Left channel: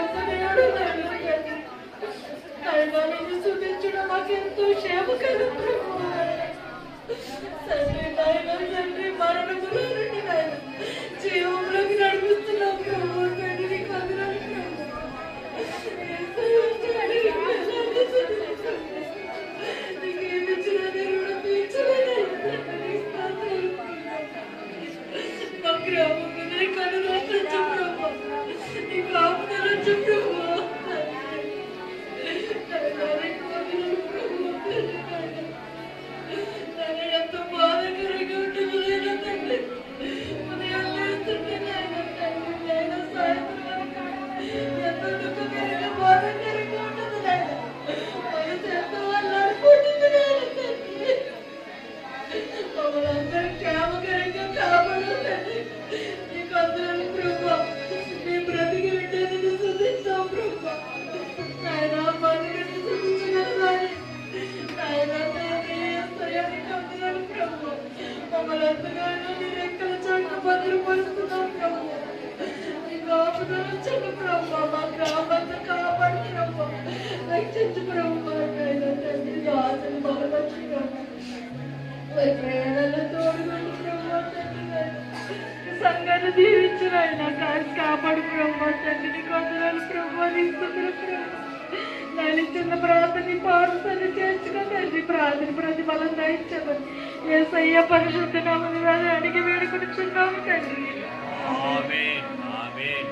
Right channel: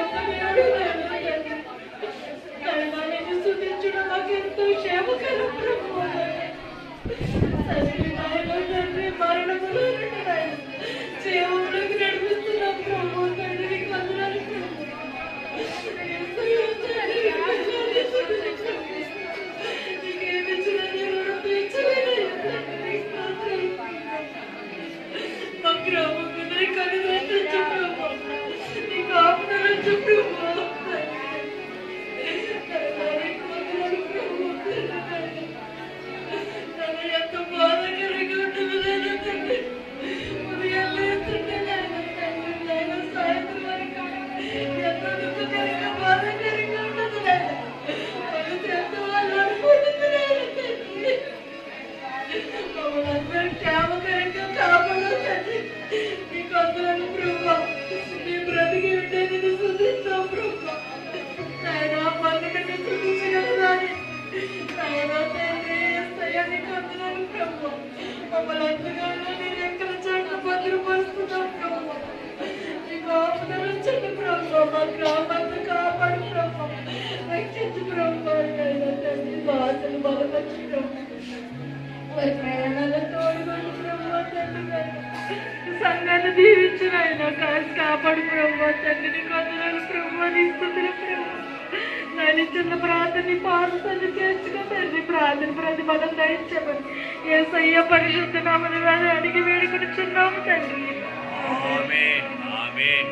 గొప్ప దేవుడు నిన్ను స్తుతించడం మాకెంతో క్షేమకరం ప్రభు. తండ్రి మరణములో జీవంలోకి నడిపిస్తున్నాం ప్రభు. తండ్రి నీకు వందనాలు ప్రభు. నీకేమిచ్చినా రుణం తీర్చలేదు. మా గ్రామం మీద నీ కనుదృష్టి ప్రభు. నీ కాపుదలొచ్చు ప్రభు. ఎంత బాధకరంగా ఉంటుంది నేను తండ్రి. ఉదయం లేస్తుంటే నేను సాయంత్రం వరకు ఎంత దుఃఖకరంగా బాధకరంగా ఉంటుంది నేను. ఎంతో వాళ్ళు అనుకుంటుంది నేను తండ్రి. మమ్మల్ని అందరూ క్షేమకరంగా కాపాడు తండ్రి. నీకు అందరం ప్రభు. నీ బ్రతికి ఉంటే నేను స్తుతిస్తాం ప్రభు. నాయన బతుకని స్తుతించగలరాని నాయన తండ్రి నీకు అందరం ప్రభు. మమ్మల్ని ఎంతగానో నీ రెక్కల చాటున భద్రపరుస్తున్నాం ప్రభు. నీకు ఆపదలు ప్రభు. మా గ్రామాన్ని కాపాడు ప్రభు. రక్షించు ప్రభు. నాయన తండ్రి ఆశలు బలపరచు ప్రభు. మరి ప్రయాణాల్లో తోడుగొని ప్రభు తండ్రి. సంఘాన్ని దీవించిన ఆయన కాపాడు ప్రభు. తండ్రి నీకు అందరాలు ప్రభు. నీ స్తుతులు ప్రభు. నలిచిన ప్రార్థన పారుసని చేర్చుకో తండ్రి. ప్రార్థన ప్రతిఫలం దయచేయమని యేసయ్య పరిశుద్ధ నామమున అడిగి వేడుకొనుచున్నాము తండ్రి. ఆమేన్ ఆమేన్.